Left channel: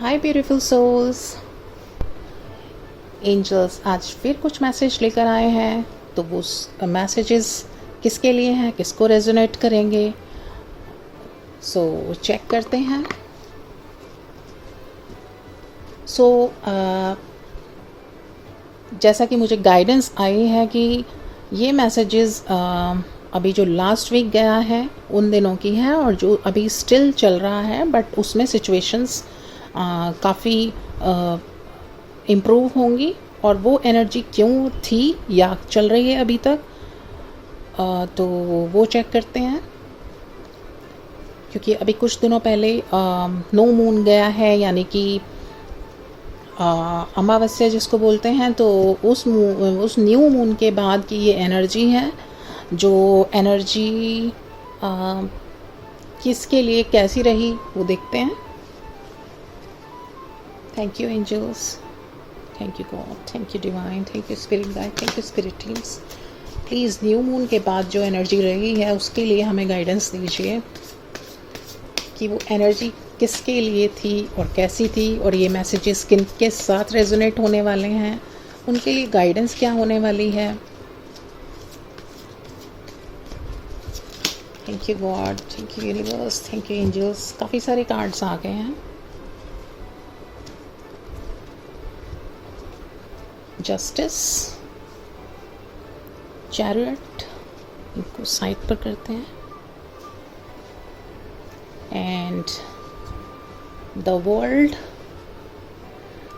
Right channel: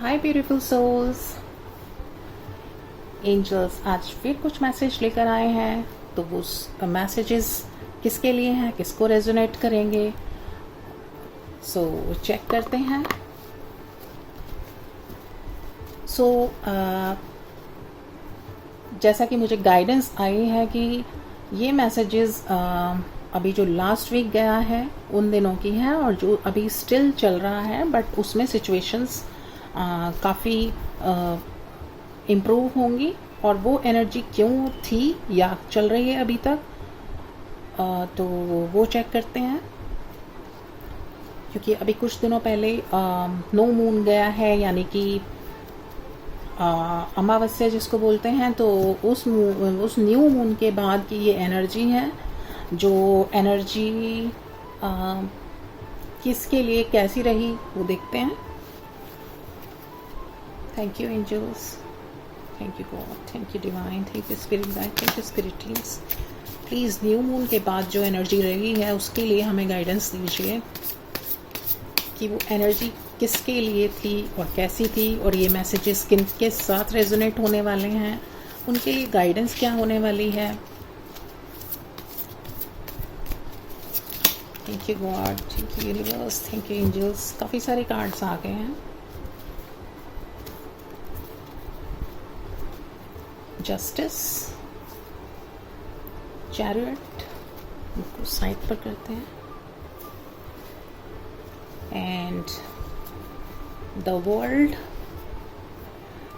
हाय beautiful souls. Angels आज फिर कुछ मैसेज लेकर आए हैं, तो वो मैसेजेस किसके लिए हैं, किसको रेजोनेट करेंगे, सो चेक करते हैं। सो जैसा कि मुझे गाइडेंस आई है कि ये मैसेजेस अभी जो लास्ट वीक गया है उन दिनों की है, और जो अभी स्टिल चल रहा है, बट उसमें सिचुएशंस काफ़ी इम्प्रूव होंगी। और वो एनर्जी क्यों थी या चल रही है अभी तक, तो वो चेक करते हैं। क्योंकि अभी कुछ दिनों पहले नो मून गया है, यानी कि अमावस्या जिसको बोलते हैं, तो उस न्यू मून के बाद की ये एनर्जी है। जो एनर्जी किसके लिए कैसी रही वो देखते हैं। Thank you angels, thank you God, thank you divine, thank you spirit guide, thank you spirit teams. Please new moon के बाद जो एनर्जी रही है उसके लिए हमें गाइडेंस दीजिए कि वो एनर्जी किसके लिए थी और कैसी थी, और ये मैसेजेस किन के साथ रेजोनेट होने वाले हैं, उनके लिए गाइडेंस क्या होने वाली है। Thank you God, thank you universe, thank you angels. काफ़ी सारे कार्ड्स आ गए हैं। जस्टिस, चैरियट, इनको साइड पर करते हैं, एंड द वर्ल्ड।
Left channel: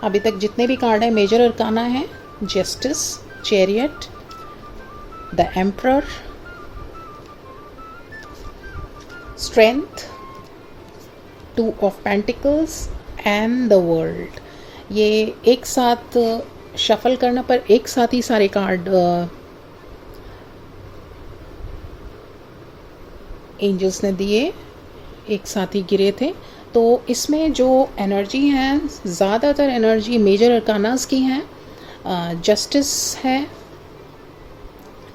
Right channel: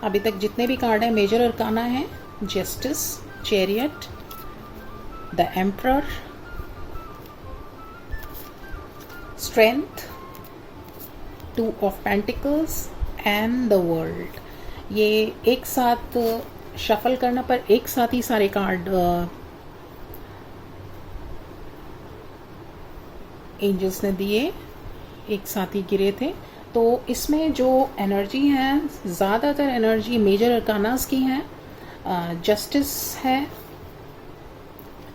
अभी तक जितने भी कार्ड हैं मेजर अरकाना है, justice, chariot, the emperor, strength, two of pentacles and the world. ये एक साथ शफल करना पर एक साथ ही सारे कार्ड एंजल्स ने दिए, एक साथ ही गिरे थे। तो इसमें जो एनर्जी है, ज़्यादातर एनर्जी मेजर अरकानास की है। जस्टिस है,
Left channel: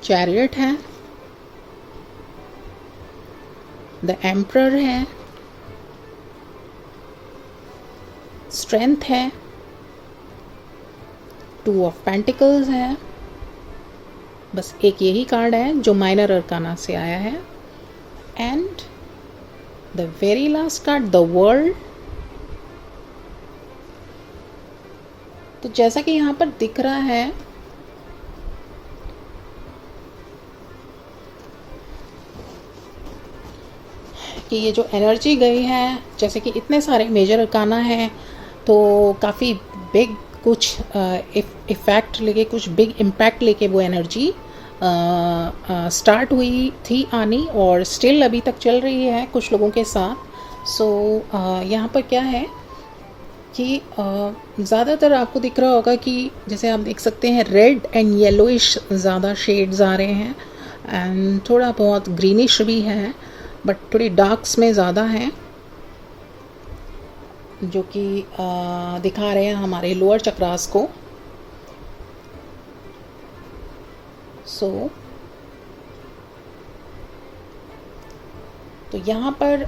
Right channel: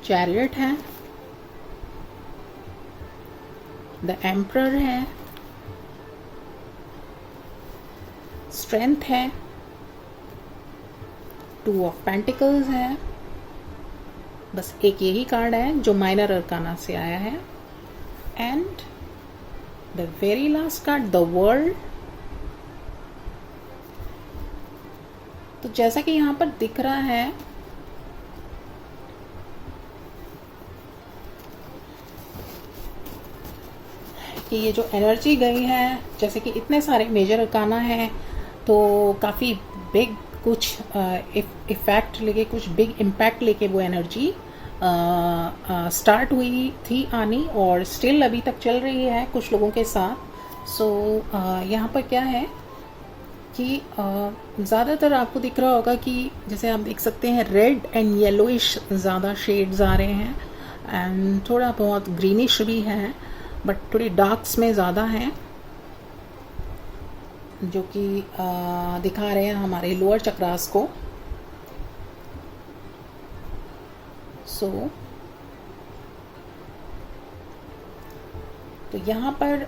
चैरियट है, द एम्परर है, स्ट्रेंथ है, टू ऑफ पेंटिकल्स है। बस एक यही कार्ड है जो माइनर अरकाना से आया है, and the very last card, the world. तो जैसा कि यहाँ पर दिख रहा है कि ये जो एनर्जी गई है, जैसे कि इतने सारे मेजर अरकाना हैं, तो काफ़ी बिग कुछ इफ़ेक्ट लेके, कुछ बिग इम्पैक्ट लेके वो एनर्जी स्टार्ट हुई थी आनी, और स्टिल अभी तक चल रही है कुछ लोगों के साथ। सो यहाँ पर क्या है कि ज़्यादातर आपको दिख रहा होगा कि जैसे आप देख सकते हैं रेड एंड येलोइश ज़्यादा शेड्स आ रहे हैं, एंड थोड़ा बहुत ग्रीनिश भी है, बट थोड़ी डार्क्स में ज़्यादा हैं, जो कि दिखा रहे हैं हमारे लोअर चक्रास को। सो तो यहाँ पर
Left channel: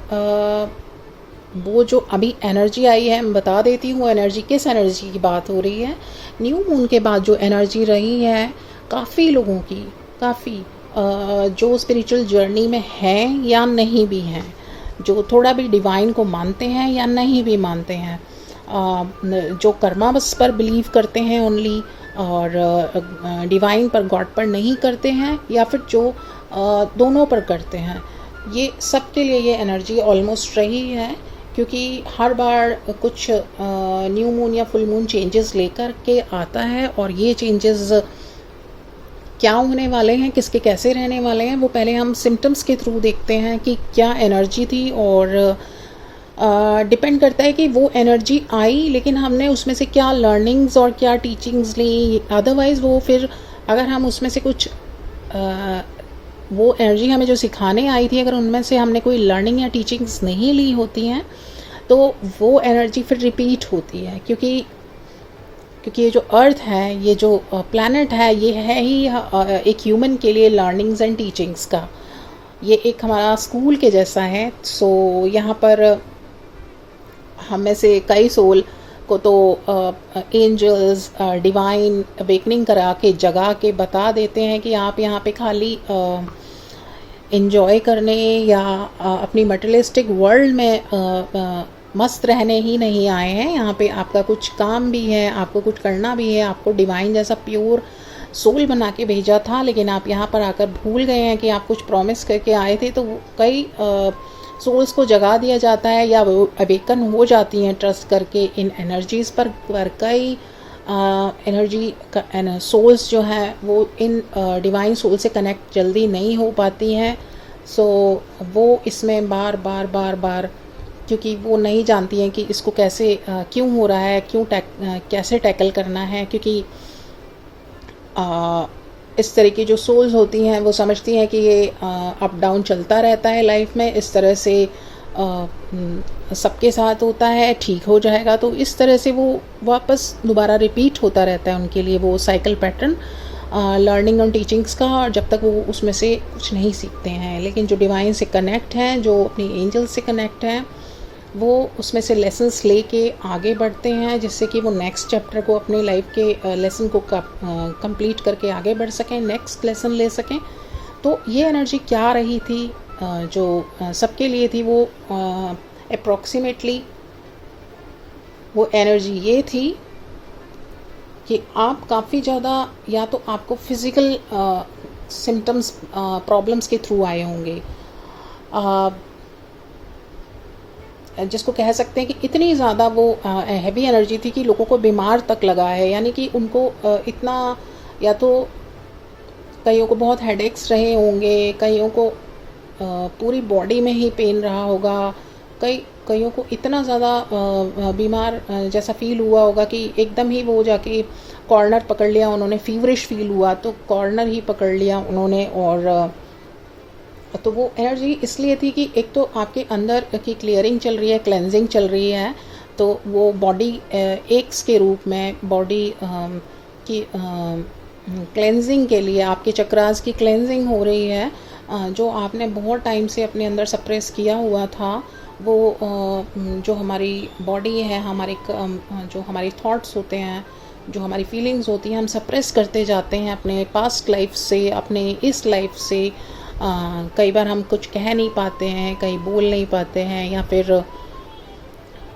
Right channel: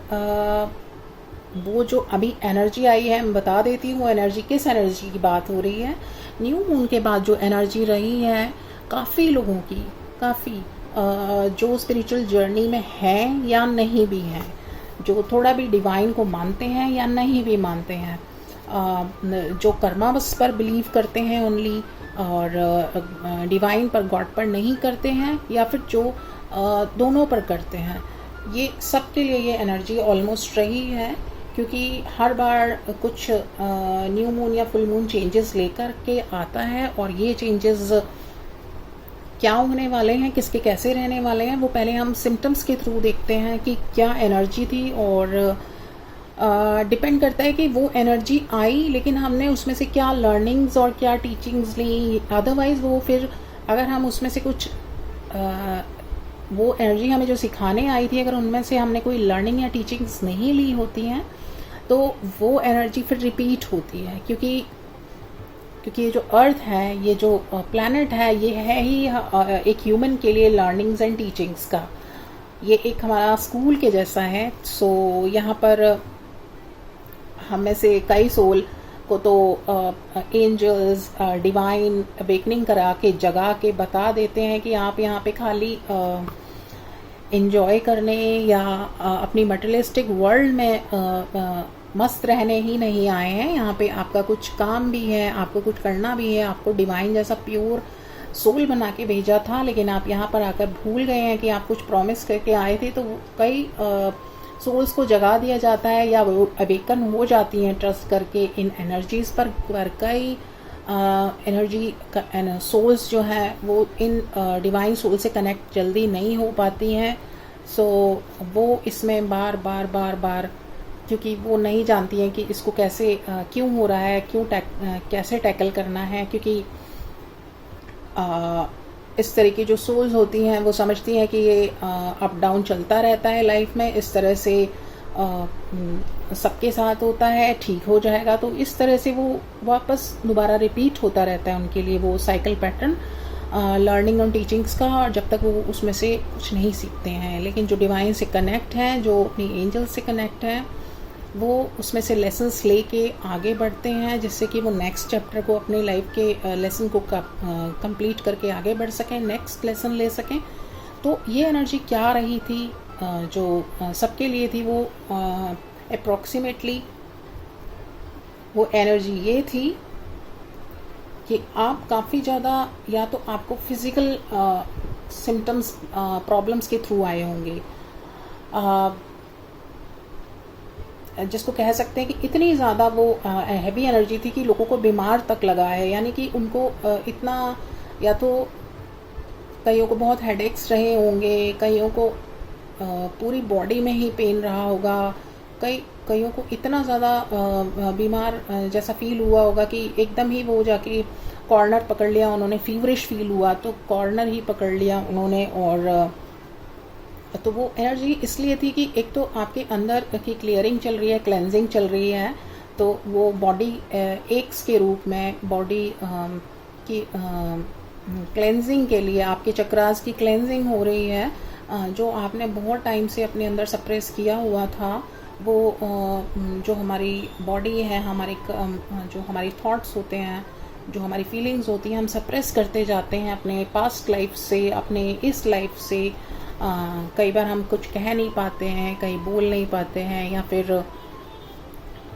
वो जो अभी एनर्जी आई है, मैं बता देती हूँ एनर्जी, किस एनर्जी की बात हो रही है। न्यू मून के बाद जो एनर्जी रही है काफ़ी लोगों की, काफ़ी जो स्पिरिचुअल जर्नी में हैं या नहीं भी हैं, जो थोड़ा भी डिवाइन को मानते हैं या नहीं भी मानते हैं, जो कर्मा बस पर बिलीव करते हैं ओनली, और डिवाइन पर, गॉड पर नहीं करते हैं, या फिर जो दोनों पर करते हैं, ये सब के लिए ये एनर्जी ऑलमोस्ट रही है। क्योंकि हर बार कुछ न्यू मून या फुल मून चेंजेस लेकर के आता है, और ये चेंजेस क्या होने वाले हैं, किसके कैसे रहने वाले हैं, वो पहले हम सिम्टम्स के थ्रू देखते हैं कि क्या एनर्जी थी, और डिपेंड करता है कि वो एनर्जी आई लेकिन हमने उसमें से क्या लर्निंग्स और क्या टीचिंग्स ली। अदरवाइज़ वो फिर अगर हम उसमें से कुछ वो एनर्जी हमें जो सिखाने आई थी, अगर उनमें से हमने कोई लर्निंग या टीचिंग्स नहीं ली होती हैं, तो वो एनर्जी फिर रिपीट होती है। क्योंकि ये जो अर्थ है, ये जो प्लैनेट है, ये है ही एक ह्यूमन के लिए लर्निंग्स एंड टीचिंग्स का, ये एक हमारा स्कूल के जैसा है। सो यहाँ पर हम में से कई सोल को तो एंजल्स डिवाइन अवेकनिंग करा के जगा के बता देते हैं कि आप यहाँ पे खाली इंजॉय करने या अपनी मटेरियलिस्टिक वर्ल्ड में मस्त रहने ही नहीं आए हैं। यहाँ पे आपका कुछ काम भी है, आपको कुछ करना भी है, आपको डिवाइन जैसा प्योर सोल बना के भेजा था, लेकिन आप यहाँ पर आकर भूल गए हैं कि आप कुछ प्रॉमिस करके आए थे। तो कई सोल्स को जगा दिया जाता है या वो अवेकन हो जाती हैं ट्रस्ट करके इन एनर्जीज़ पर कई एनर्जी सोल्स जो हैं वो इन डिवाइन सोल से कनेक्ट जल्दी नहीं हो पाती हैं। सो वो इसमें बार बार क्योंकि वो नहीं जानती हैं कि इसको कैसे क्यों हो रहा है, कैसे टैकल करना है, क्योंकि इस तरह की जो सोल्स होती हैं वो समझती हैं कि ये अप डाउन चलता रहता है लाइफ में, इस तरह से सबके साथ होता है, ठीक हो जाएगा। तो इस तरह से वो वापस दोबारा रिपीट होता रहता है उनके लिए वो साइकिल पैटर्न लर्निंग और टीचिंग्स का, और जब तक वो उसमें से कुछ नहीं सीखते हैं। लेकिन जो डिवाइन से कनेक्ट हैं, जो अपनी एंजल से कनेक्ट हैं, वो उसमें से लेसन्स लेके आगे बढ़ते हैं, जिससे कि वो नेक्स्ट चैप्टर को अपने लाइफ के लेसन को कंप्लीट करके आगे बढ़ सकें, नेक्स्ट लेसन ले सकें। तो ये एनर्जी क्या रही थी जो सबके लिए थी, वो अप्रॉक्सीमेटली वो एनर्जी ये थी कि आप काफ़ी ज़्यादा या तो आपको फिज़िकल सिम्टम्स प्रॉब्लम्स के थ्रू आए होंगे, जिसको कह सकते हैं कि इतनी ज़्यादा वो हैवी एनर्जी थी कि लोगों को बीमार तक लगा है। यानी कि उनको इतना, या तो कईयों को बहुत हेडेक्स रहे होंगे, कईयों को पूरी बॉडी में ही पेन रहा होगा, कईयों को इतना ज़्यादा बीमार जैसा फील हुआ होगा कि एकदम ही वो जाके कॉर्नर पकड़ लिया उन्होंने, फीवरिश फील हुआ तो कॉर्नर ही पकड़ लिया उन्होंने। और तो वो एनर्जी इसलिए थी कि एक तो आपके अंदर की क्लियरिंग चल रही है, क्लेंजिंग चल रही है, तो वो बॉडी एक्स के रूप में बॉडी की क्लेंजिंग के लिए आपके चक्रास की क्लेंजिंग हो रही है। जो आपने बहुत टाइम से अपने अंदर सप्रेस किया हुआ था, वो जो हमारी बॉडी है, जो हमारी थॉट्स होते हैं, जो हमारी फीलिंग्स होती हैं, हम सप्रेस करते जाते हैं अपने पास्ट लाइफ से, अपने इस लाइफ से। कई बार हम कुछ कह नहीं पाते हैं, कहीं बोल नहीं पाते हैं, या फिर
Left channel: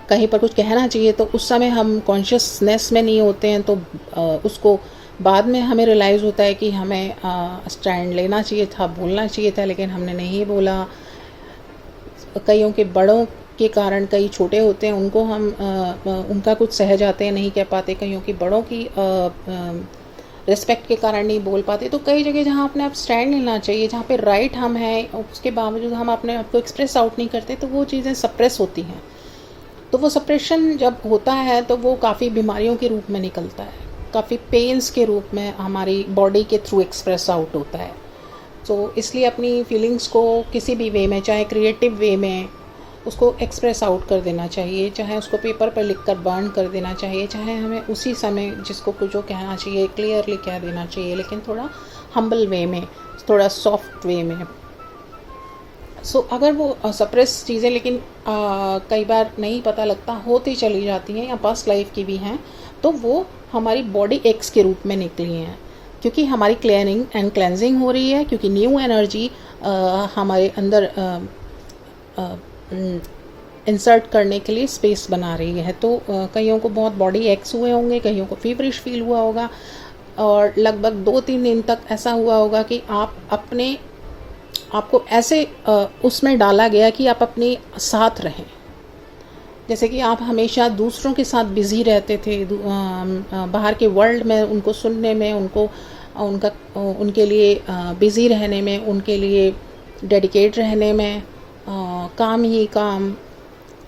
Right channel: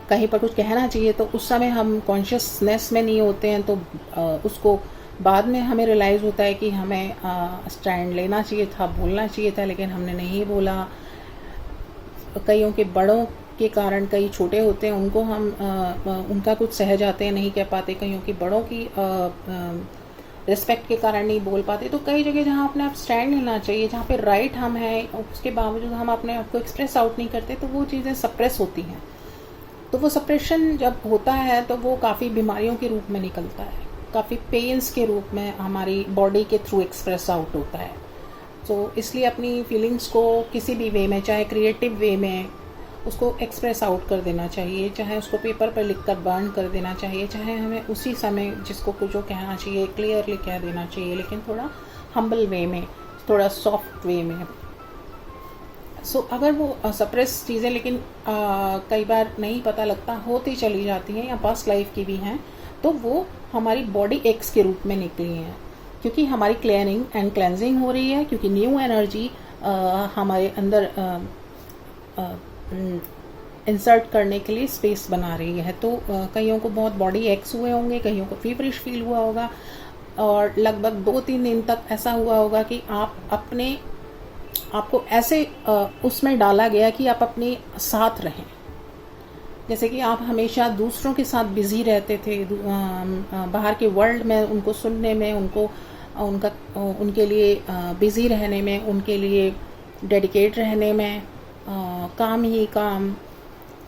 कहीं पर कुछ कहना चाहिए तो उस समय हम कॉन्शियसनेस में नहीं होते हैं, तो उसको बाद में हमें रियलाइज़ होता है कि हमें स्टैंड लेना चाहिए था, बोलना चाहिए था, लेकिन हमने नहीं बोला। कईयों के बड़ों के कारण, कई छोटे होते हैं उनको हम उनका कुछ सह जाते हैं, नहीं कह पाते, कईयों की बड़ों की रिस्पेक्ट के कारण नहीं बोल पाते। तो कई जगह जहाँ अपने आप स्टैंड लेना चाहिए, जहाँ पे राइट हम हैं, उसके बावजूद हम अपने आप को एक्सप्रेस आउट नहीं करते, तो वो चीज़ें सप्रेस होती हैं। तो वो सप्रेशन जब होता है तो वो काफ़ी बीमारियों के रूप में निकलता है, काफ़ी पेन्स के रूप में हमारी बॉडी के थ्रू एक्सप्रेस आउट होता है। तो इसलिए अपनी फीलिंग्स को किसी भी वे में, चाहे क्रिएटिव वे में, उसको एक्सप्रेस आउट कर देना चाहिए, चाहे उसको पेपर पर लिखकर बर्न कर देना चाहिए, चाहे हमें उसी समय जिसको कुछ जो कहना चाहिए क्लियरली कह देना चाहिए, लेकिन थोड़ा हम्बल वे में, थोड़ा सॉफ्ट वे में। सो अगर वो सप्रेस चीज़ें, लेकिन कई बार नहीं पता लगता, होती चली जाती हैं या पास्ट लाइफ की भी हैं, तो वो हमारी बॉडी एक्स के रूप में निकली हैं, क्योंकि हमारी क्लियरिंग एंड क्लेंजिंग हो रही है, क्योंकि न्यू एनर्जी हमारे अंदर इंसर्ट करने के लिए स्पेस बना रही है। तो कईयों को बहुत बॉडी एक्स हुए होंगे, कईयों को फीवरिश फील हुआ होगा, और लगभग 2-3 दिन तक ऐसा हुआ होगा कि आपको ऐसे उसमें डाला गया कि आप अपने साथ रहें, जैसे कि आप हमेशा दूसरों के साथ बिज़ी रहते थे, बाहर के वर्ल्ड में उनको सुनने में, उनके लिए बिज़ी रहने में, उनके लिए डेडिकेट रहने में, काम ही काम।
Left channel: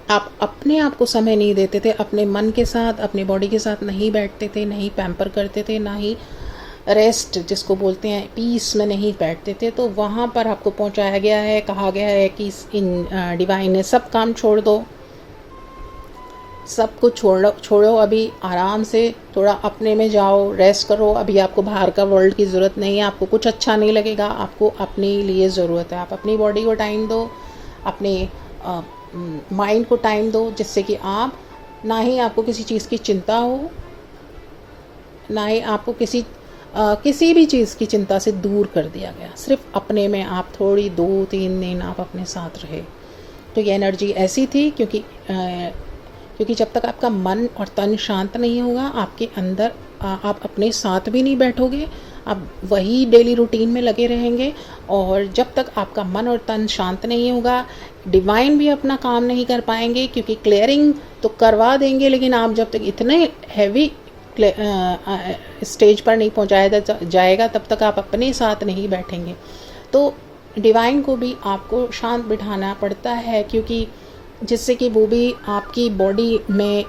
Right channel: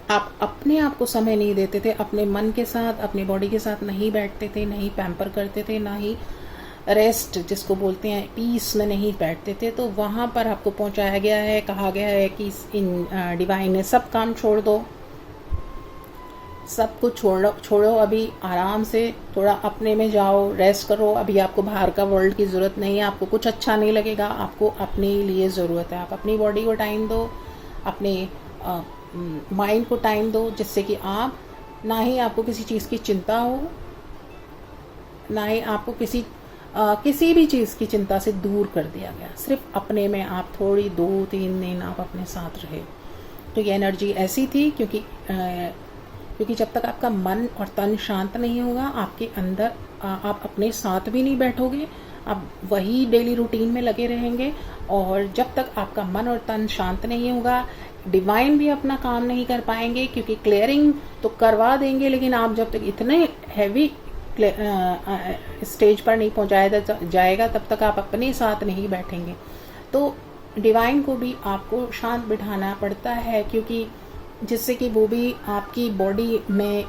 आप अपने आप को समय नहीं देते थे, अपने मन के साथ, अपनी बॉडी के साथ नहीं बैठते थे, नहीं पैम्पर करते थे, ना ही रेस्ट जिसको बोलते हैं पीस में नहीं बैठते थे। तो वहाँ पर आपको पहुँचाया गया है, कहा गया है कि इन डिवाइन ने सब काम छोड़ दो, सब कुछ छोड़ो, अभी आराम से थोड़ा अपने में जाओ, रेस्ट करो, अभी आपको बाहर का वर्ल्ड की ज़रूरत नहीं है, आपको कुछ अच्छा नहीं लगेगा, आपको अपने लिए ज़रूरत है, आप अपनी बॉडी को टाइम दो, अपने माइंड को टाइम दो, जिससे कि आप ना ही आपको किसी चीज़ की चिंता हो, ना ही आपको किसी भी चीज़ की चिंता से दूर कर दिया गया। सिर्फ अपने में आप थोड़ी 2-3 दिन आप अपने साथ रहे। तो ये एनर्जी ऐसी थी क्योंकि जब तक आपका मन और तन शांत नहीं होगा, आपके अंदर आप अपने साथ भी नहीं बैठोगे, आप वही डेली रूटीन में लगे रहेंगे। और जब तक आपका मन और तन शांत नहीं होगा, डिवाइन भी अपना काम नहीं कर पाएंगे, क्योंकि क्लियरिंग तो करवा देंगे, लेकिन आप जब तक इतने हैवी स्टेज पर नहीं पहुंचाया जाएगा, तब तक आप अपने साथ नहीं बैठेंगे। तो डिवाइन को भी आपको शांत बिठाना पड़ता है, क्योंकि जिससे कि वो भी आपकी बॉडी में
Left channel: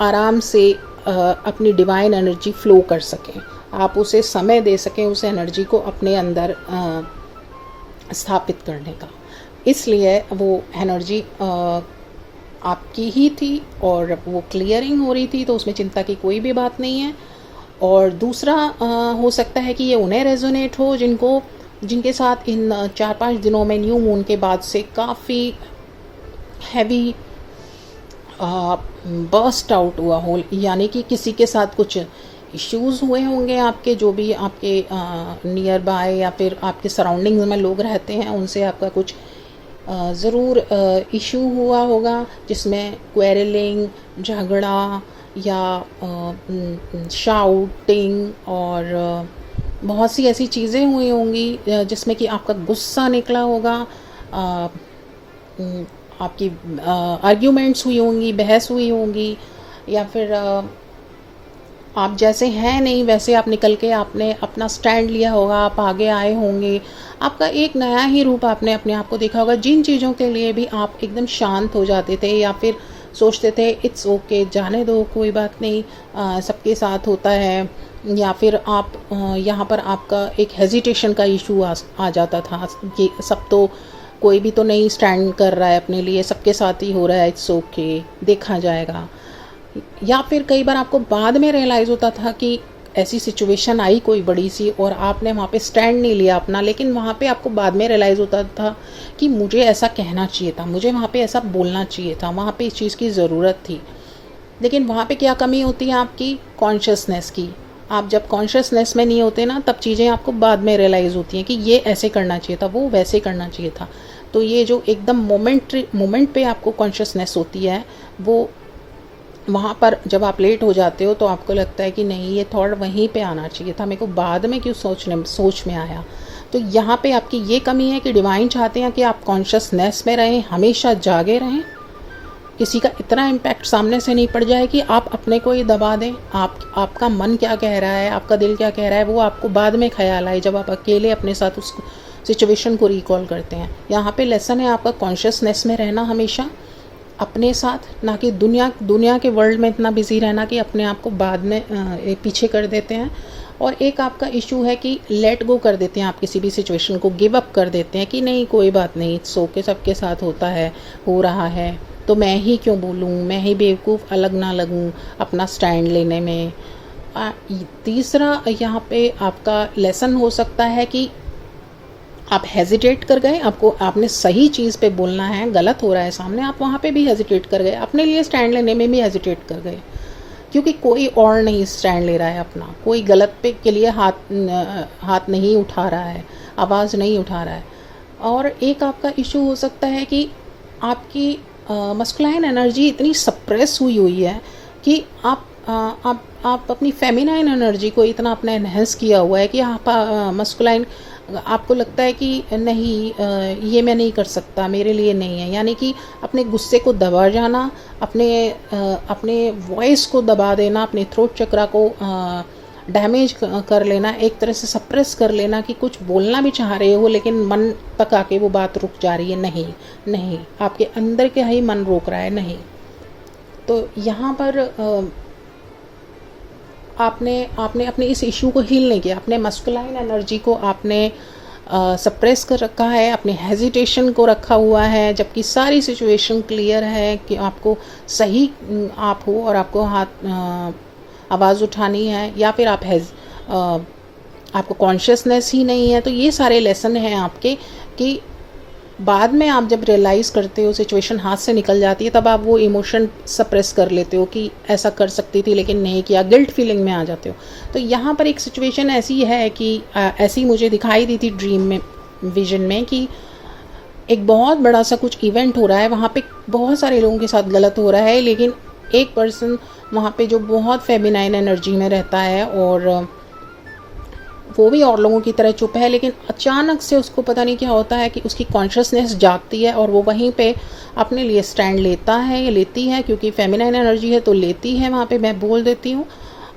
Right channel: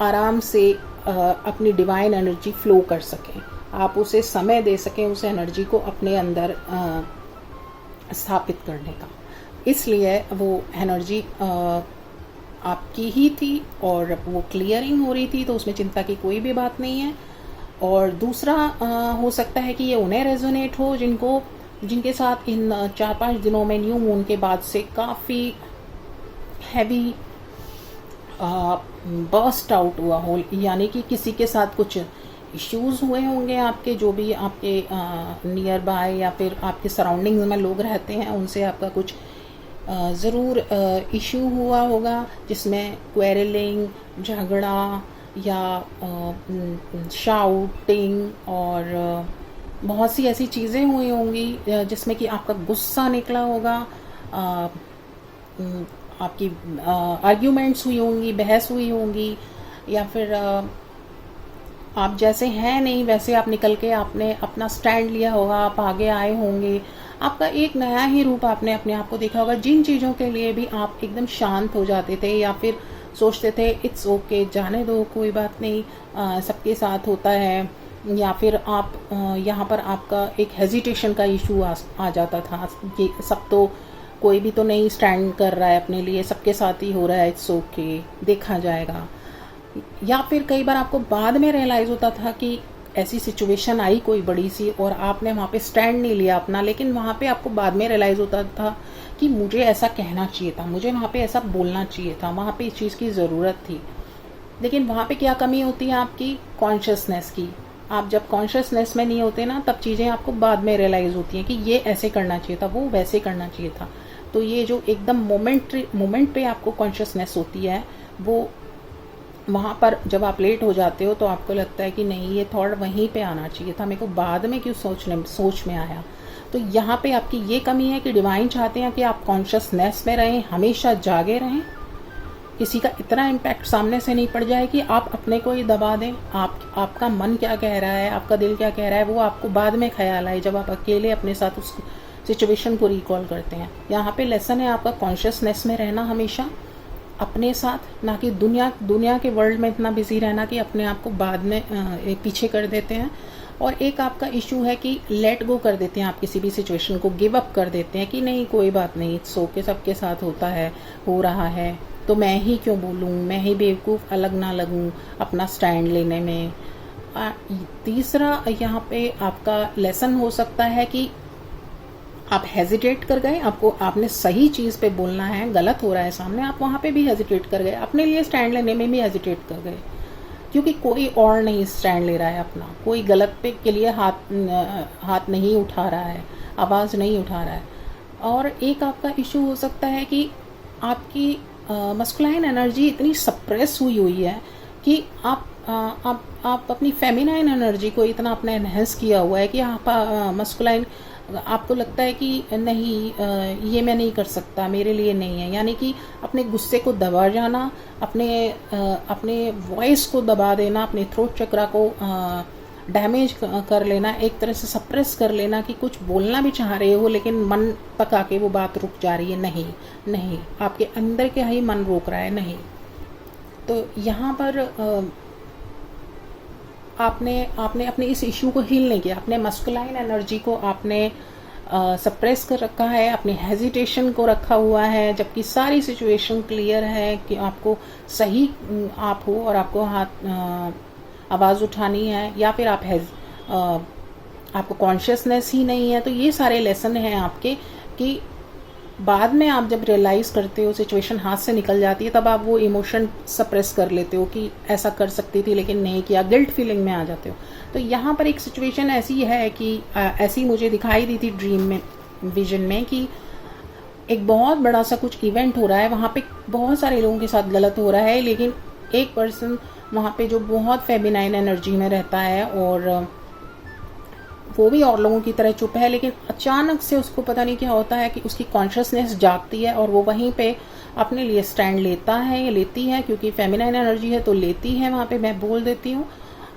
आराम से अपनी डिवाइन एनर्जी फ्लो कर सकें, आप उसे समय दे सकें, उस एनर्जी को अपने अंदर स्थापित करने का। इसलिए वो एनर्जी आपकी ही थी और वो क्लियरिंग हो रही थी, तो उसमें चिंता की कोई भी बात नहीं है। और दूसरा हो सकता है कि ये उन्हें रेजोनेट हो जिनके साथ इन 4-5 दिनों में न्यू मून के बाद से काफ़ी हैवी बर्स्ट आउट हुआ हो, यानी कि किसी के साथ कुछ इश्यूज़ हुए होंगे आपके, जो भी आपके नियर बाय या फिर आपके सराउंडिंग्स में लोग रहते हैं, उनसे आपका कुछ ज़रूर इशू हुआ होगा, जिसमें क्वेरलिंग, झगड़ा या शाउटिंग और बहुत सी ऐसी चीज़ें हुई होंगी जिसमें कि आपका गुस्सा निकला होगा, आपकी आर्ग्यूमेंट्स हुई होंगी, बहस हुई होंगी, या फिर आप जैसे हैं नहीं वैसे आप निकल के आपने अपना स्टैंड लिया होगा, आप आगे आए होंगे, आपका एक नया ही रूप आपने अपने आप को देखा होगा। जिन चीज़ों के लिए भी आप एकदम शांत हो जाते थे या फिर सोचते थे इट्स ओके, जाने दो, कोई बात नहीं, सबके साथ होता है, या फिर आप यहाँ पर आपका एक हेजिटेशन का इशू आ जाता था कि सब तो कोई भी तो नहीं स्टैंड कर रहा है अपने लिए, सबके साथ ही हो रहा है, इट्स ओके, देखा जाएगा। या फिर कई बार आपको बाद में रियलाइज़ होता था कि ऐसी सिचुएशन आई कोई बड़ी सी और आपने वहाँ पे स्टैंड नहीं लिया अपना, लेकिन वहाँ पे आपको बाद में रियलाइज़ होता था कि मुझे ऐसा कहना चाहिए था, मुझे वहाँ पे ऐसा बोलना चाहिए था, वहाँ पे इस चीज़ की ज़रूरत थी। लेकिन वहाँ पे क्या कमी होती है आपकी कॉन्शियसनेस की। आप जब कॉन्शियसनेस में नहीं होते ना, तब चीज़ें आपको बाद में रियलाइज़ होती हैं कि ये ऐसे करना चाहिए था, वो वैसे करना चाहिए था। तो ये जो एकदम मोमेंट पे आपको कॉन्शियसनेस होती है, वो वहाँ पर जब आप लेट हो जाते हो तो आपको लगता है कि नहीं, ये थॉट वहीं पे आना चाहिए था, मेरे को बाद में क्यों सोच में आया। तो यहाँ पे आपकी ये कमी है कि डिवाइन चाहते हैं कि आप कॉन्शियसनेस में रहें, हमेशा जागे रहें, किसी का इतना इम्पैक्ट सामने से नहीं पड़ जाए कि आप अपने को ही दबा दें। आपका मन क्या कह रहा है, आपका दिल क्या कह रहा है, वो आपको बाद में ख्याल आए, जब आप अकेले अपने साथ उस सिचुएशन को रिकॉल करते हैं। यहाँ पे लेसन है आपका कॉन्शियसनेस में रहना, हमेशा अपने साथ, ना कि दुनिया के वर्ल्ड में इतना बिजी रहना कि अपने आप को बाद में पीछे कर देते हैं। और एक आपका इशू है कि लेट गो कर देते हैं, आप किसी भी सिचुएशन को गिव अप कर देते हैं कि नहीं कोई बात नहीं, सो के सबके साथ होता है, हो रहा है, तो मैं ही क्यों बोलूँ, मैं ही बेवकूफ़ अलग ना लगूँ अपना स्टैंड लेने में। तीसरा यहाँ पे आपका लेसन हो सकता है कि आप हेजिटेट कर गए, आपने सही चीज़ पे बोलना है, गलत हो रहा है सामने, आप वहाँ पे भी हेजिटेट कर गए, अपने लिए स्टैंड लेने में भी हेजिटेट कर गए, क्योंकि कोई और नहीं स्टैंड ले रहा है अपना, कोई गलत पे के लिए हाथ नहीं उठा रहा है, आवाज़ नहीं उठा रहा है। और एक आपका इशू हो सकता है कि आपकी मस्कुलाइन एनर्जी इतनी सप्रेस हुई है कि आप अपनी फेमिनाइन एनर्जी को इतना अपना एनहेंस किया हुआ है कि आप मस्कुलाइन, आपको लगता है कि नहीं ये मैं नहीं कर सकता, मेरे लिए नहीं है, यानी कि अपने गुस्से को दबा जाना, अपने वॉइस को दबा देना, अपने थ्रोट चक्रा को डैमेज कर लेना, एक तरह से सप्रेस कर लेना कि कुछ बोलना भी चाह रहे हो लेकिन मन तक आके वो बात रुक जा रही है, नहीं आपके अंदर के ही मन रोक रहा है, नहीं। तो यहाँ पर आपने अपने इस इशू को हील नहीं किया, अपने मस्कुलाइन एनर्जी को आपने सप्रेस कर रखा है, अपने हेजिटेशन को रखा हुआ है, जबकि सारी सिचुएशन क्लियर है कि आपको सही आप हो और आपको आवाज़ उठानी है, या फिर आपको कॉन्शियसनेस ही नहीं है। तो ये सारे लेसन हैं आपके कि बाद में आप जब रियलाइज़ करते हो, सिचुएशन हाथ से निकल जाती है, तब आप वो इमोशन सप्रेस कर लेते हो कि ऐसा कर सकती थी लेकिन नहीं किया, गिल्ट फीलिंग में आ जाते हो। तो यहाँ पर एक सिचुएशन ऐसी है कि ऐसी मुझे दिखाई दी थी ड्रीम में, विजन में, कि एक बहुत बड़ा सा कुछ इवेंट हो रहा है, वहाँ पे बहुत सारे लोगों के साथ गलत हो रहा है, लेकिन एक पर्सन वहाँ पे जो बहुत फेमिनाइन एनर्जी में रहता है और वो भी और लोगों की तरह चुप है, लेकिन अचानक से उसको पता नहीं क्या होता है कि उसकी कॉन्शियसनेस जागती है और वो वहीं पे अपने लिए स्टैंड लेता है या लेती है, क्योंकि फेमिनाइन एनर्जी है तो लेती है, वहाँ पे मैं बोल देती हूँ।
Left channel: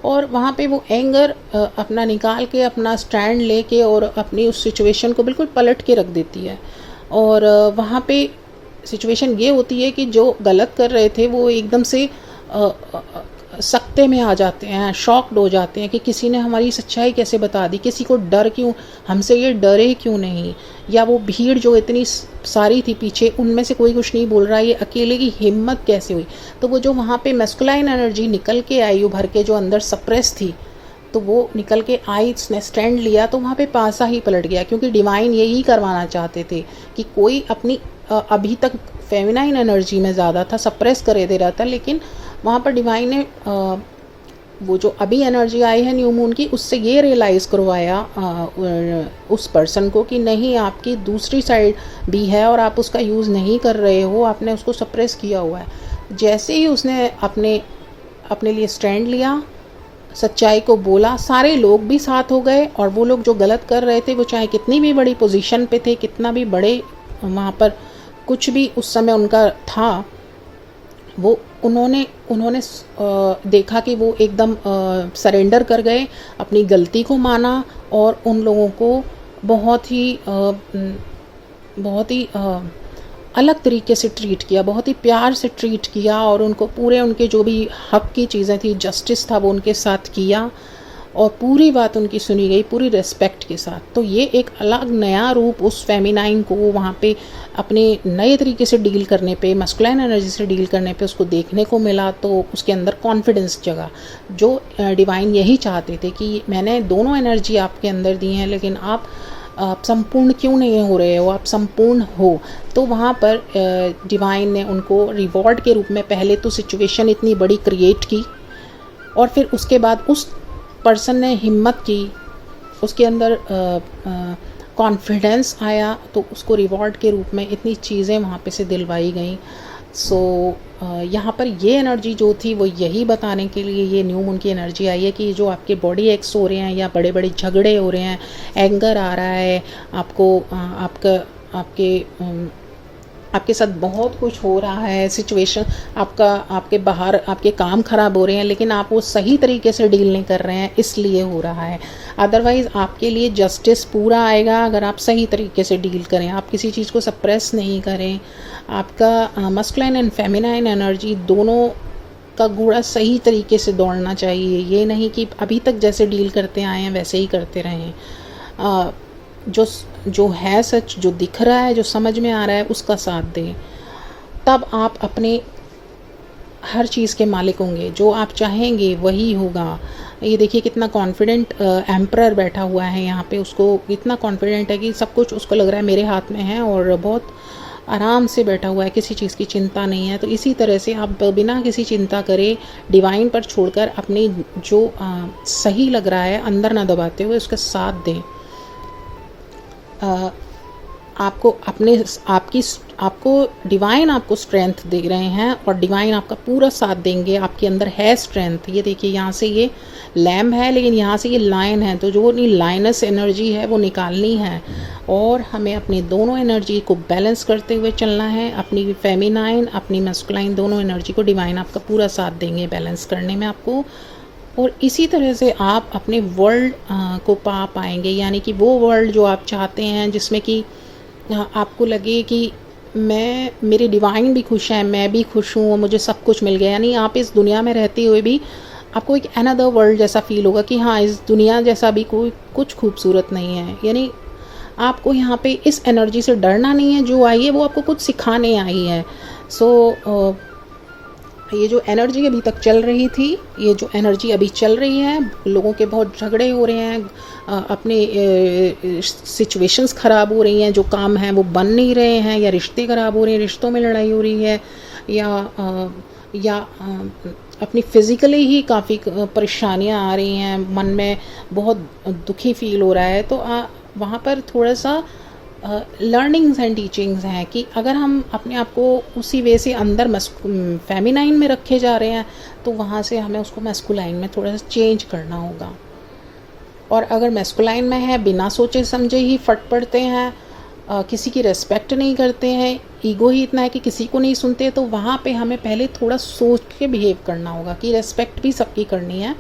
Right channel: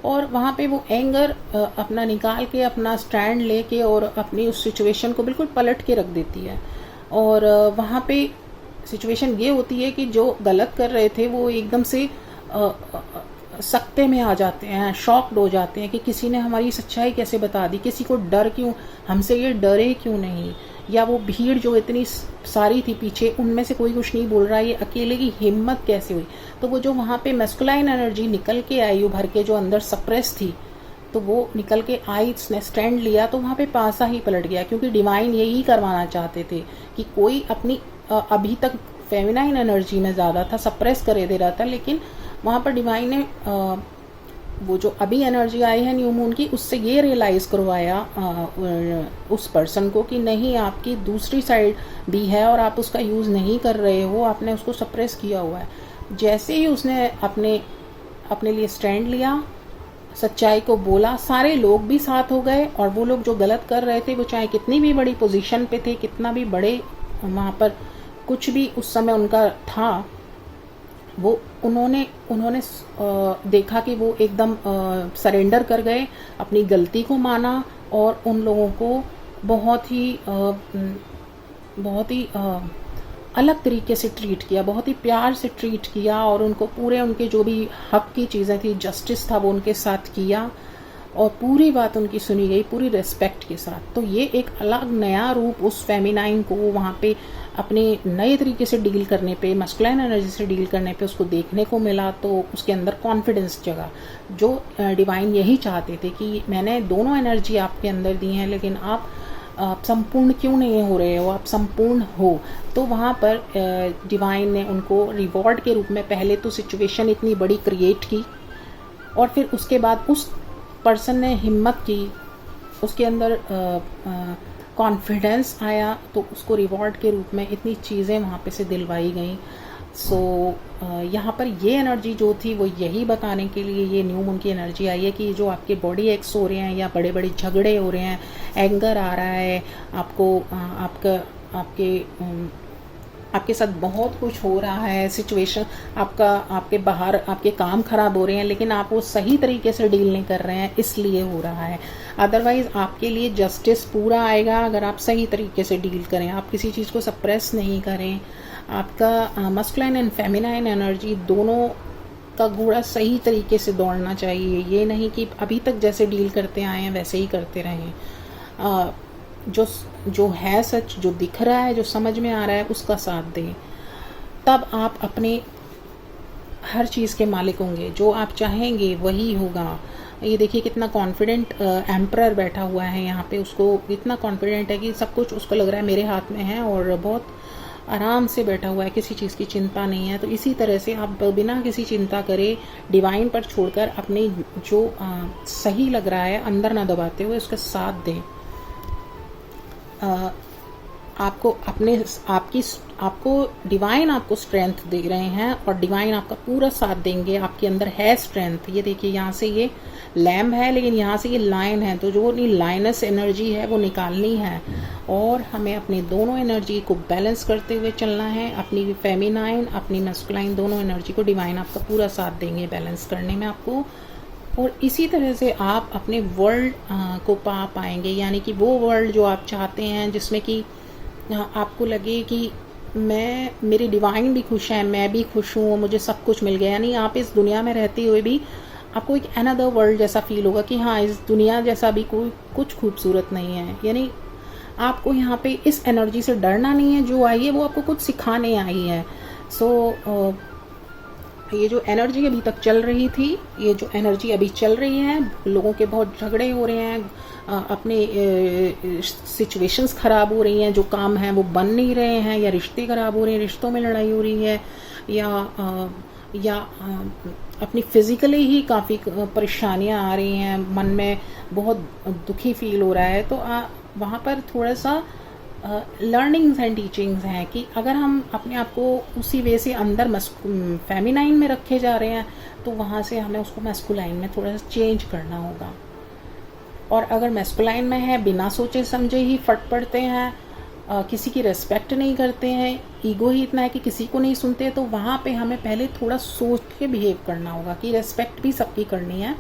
और वहाँ पे वो एंगर अपना निकाल के, अपना स्टैंड लेके और अपनी उस सिचुएशन को बिल्कुल पलट के रख देती है। और वहाँ पे सिचुएशन ये होती है कि जो गलत कर रहे थे वो एकदम से सकते में आ जाते हैं, शॉक्ड हो जाते हैं कि किसी ने हमारी सच्चाई कैसे बता दी, किसी को डर क्यों, हमसे ये डरे क्यों नहीं, या वो भीड़ जो इतनी सारी थी पीछे, उनमें से कोई कुछ नहीं बोल रहा, ये अकेले की हिम्मत कैसे हुई। तो वो जो वहाँ पे मैस्कुलाइन एनर्जी निकल के आई उभर के, जो अंदर सप्रेस थी, तो वो निकल के आई, इसने स्टैंड लिया, तो वहाँ पे पासा ही पलट गया, क्योंकि डिवाइन यही करवाना चाहते थे कि कोई अपनी अभी तक फेमिनाइन एनर्जी में ज़्यादा था, सप्रेस करे दे रहा था, लेकिन वहाँ पर डिवाइन ने वो जो अभी एनर्जी आई है न्यू मून की, उससे ये रियलाइज़ करवाया उस पर्सन को कि नहीं, आपकी दूसरी साइड भी है और आप उसका यूज़ नहीं कर रहे हो, आपने उसको सप्रेस किया हुआ है। जैसे ही उसने अपने लिए स्टैंड लिया, सच्चाई को बोला, सारे लोग भी साथ हो गए, और वो लोग जो गलत कर रहे थे, वो चाहे कितनी भी बड़ी पोजीशन पे थे, कितना भी बड़े वहाँ पर कुछ भी उस समय उनका था, वो उन्होंने देखा कि वो एकदम सरेंडर कर गए, अपनी गलती को माना, और उन लोगों को बहुत ही अलग तरीके से ट्रीट किया, बहुत ही प्यार से ट्रीट किया, और उनको पूरे उनके जो भी हक की चीज़ें थी, जस्टिस था, वो उनके साथ किया, और पूरी बात उनकी सुनी गई पूरी रिस्पेक्ट के साथ। तो ये एक अलग नया रूप उस फेमिनाइन को वहाँ पे अपने नए तरीके से डील करने पे, मस्कुलाइन एनर्जी से डील करने पे उसको देखने को मिला, तो उसके अंदर कॉन्फिडेंस जगा, जो डिवाइन यही चाहते थे कि मैंने दोनों एनर्जी आपके अंदर दी हैं, लेकिन आप संपूर्ण क्यों नहीं हो रहे हो, आप संपूर्ण हो। तो वहाँ पर डिवाइन ने उनको रिवॉर्ड के रूप में पहले तो सिचुएशन इतनी बड़ी क्रिएट की, और फिर उसके बाद उस पर्सन ने हिम्मत की, उसके अंदर कॉन्फिडेंस आया, तो उसको रिवॉर्ड के रूप में इतनी चीज़ें वहाँ पे से दिलवाई गई। सो यहाँ पर ये एनर्जी जो थी वो यही बताने के लिए ये न्यू मून की एनर्जी आई है कि जो आपके बॉडी एक्स हो रहे हैं या बड़े बड़े झगड़े हो रहे हैं, एंगर आ रहा है आपको, आपके साथ बहुत कुछ हो रहा है, सिचुएशन आपके बाहर आपके काम खराब हो रहे हैं, लेकिन आप वो सही तरीके से डील नहीं कर रहे हैं, इसलिए हो रहा है। अदरवाइज़ आपके लिए जस्टिस पूरा आएगा अगर आप सही तरीके से डील करें, आप किसी चीज़ को सप्रेस नहीं करें। आपका मस्कुलाइन एंड फेमिनाइन एनर्जी दोनों का घोड़ा सही तरीके से दौड़ना चाहिए, ये नहीं कि अभी तक जैसे डील करते आए हैं वैसे ही करते रहें। जो है सच, जो दिख रहा है, जो समझ में आ रहा है, उसका साथ दें, तब आप अपने हर चीज़ के मालिक होंगे, जो आप चाहेंगे वही होगा। ये देखिए कितना कॉन्फिडेंट एम्परर बैठा हुआ है यहाँ पे, उसको इतना कॉन्फिडेंट है कि सब कुछ उसको लग रहा है मेरे हाथ में है, और बहुत आराम से बैठा हुआ है, किसी चीज़ की चिंता नहीं है। तो इसी तरह से आप बिना किसी चिंता करे डिवाइन पर छोड़कर अपने जो सही लग रहा है अंदर ना दबाते हुए उसका साथ दें। आपको डिवाइन आपको स्ट्रेंथ दे रहे हैं, और डिवाइन आपका पूरा साथ देंगे, आपके अंदर है स्ट्रेंथ। ये देखिए यहाँ से ये लैम्ब है, लेकिन यहाँ से ये लायन है, तो जो लाइनस एनर्जी है वो निकालनी है, और हमें अपनी दोनों एनर्जी को बैलेंस करते हुए चलना है। अपनी फेमिनाइन, अपनी मैस्कुलाइन दोनों एनर्जी को डिवाइन आपका पूरा साथ देंगे बैलेंस करने में आपको, और इसी तरह से आप अपने वर्ल्ड को पा पाएंगे, यानी कि वो वर्ल्ड जो आप चाहते हैं, जिसमें कि आपको लगे कि मेरे डिवाइन भी खुश हैं, मैं भी खुश हूँ, मुझे सब कुछ मिल गया। यानी आप इस दुनिया में रहते हुए भी आपको एक अनदर वर्ल्ड जैसा फील होगा कि हाँ, इस दुनिया जैसा भी कोई कुछ खूबसूरत नहीं है। यानी आपको यहाँ पे इस एनर्जी से डरना नहीं है, जो आई है वो आपको कुछ सिखाने आई है। सो ये जो एनर्जी अभी तक चल रही थी, ये जो एनर्जी अभी चल रही है, लोगों के बहुत झगड़े हो रहे हैं, अपने सिचुएशंस ख़राब हो रही हैं, जो काम हैं वो बन नहीं रहे हैं, या रिश्ते ख़राब हो रहे हैं, रिश्तों में लड़ाई हो रही है, या अपनी फिज़िकली ही काफ़ी परेशानियां आ रही हैं, मन में बहुत दुखी फील हो रहा है, तो वहाँ पर थोड़ा सा लर्निंग्स एंड टीचिंग्स हैं कि अगर हम अपने आप को उसी वे से अंदर फेमिनाइन में रखे जा रहे हैं, तो वहाँ से हमें उसको मैस्कुलाइन में थोड़ा सा चेंज करना होगा। और अगर मैस्कुलाइन में है, बिना सोचे समझे ही फट पड़ते हैं, किसी की रेस्पेक्ट नहीं करते हैं, ईगो ही इतना है कि किसी को नहीं सुनते, तो वहाँ पे हमें पहले थोड़ा सोच के बिहेव करना होगा कि रेस्पेक्ट भी सबकी करनी है,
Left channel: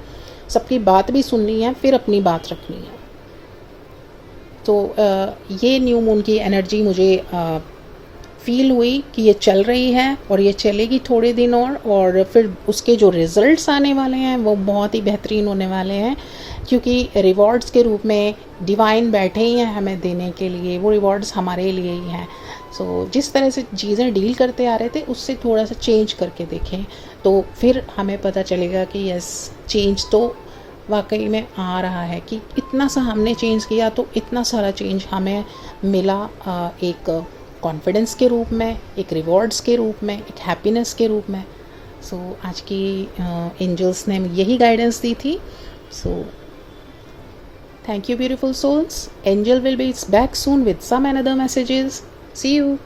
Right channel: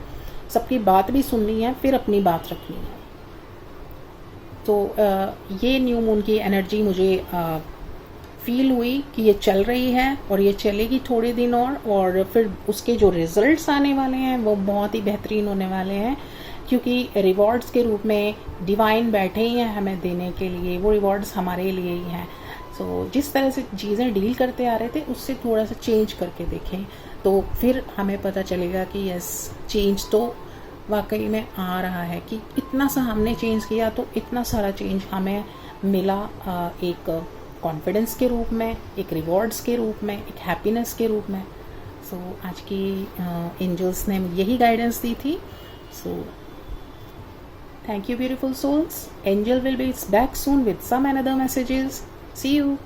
सबकी बात भी सुननी है, फिर अपनी बात रखनी है। तो ये न्यू मून की एनर्जी मुझे फील हुई कि ये चल रही है और ये चलेगी थोड़े दिन और फिर उसके जो रिज़ल्ट्स आने वाले हैं वो बहुत ही बेहतरीन होने वाले हैं, क्योंकि रिवॉर्ड्स के रूप में डिवाइन बैठे ही हैं हमें देने के लिए, वो रिवॉर्ड्स हमारे लिए ही हैं। सो जिस तरह से चीज़ें डील करते आ रहे थे उससे थोड़ा सा चेंज करके देखें, तो फिर हमें पता चलेगा कि यस, चेंज तो वाकई में आ रहा है, कि इतना सा हमने चेंज किया तो इतना सारा चेंज हमें मिला, एक कॉन्फिडेंस के रूप में, एक रिवॉर्ड्स के रूप में, एक हैप्पीनेस के रूप में। सो आज की एंजल्स ने यही गाइडेंस दी थी। So thank you, beautiful souls. Angel will be back soon with some another messages. See you.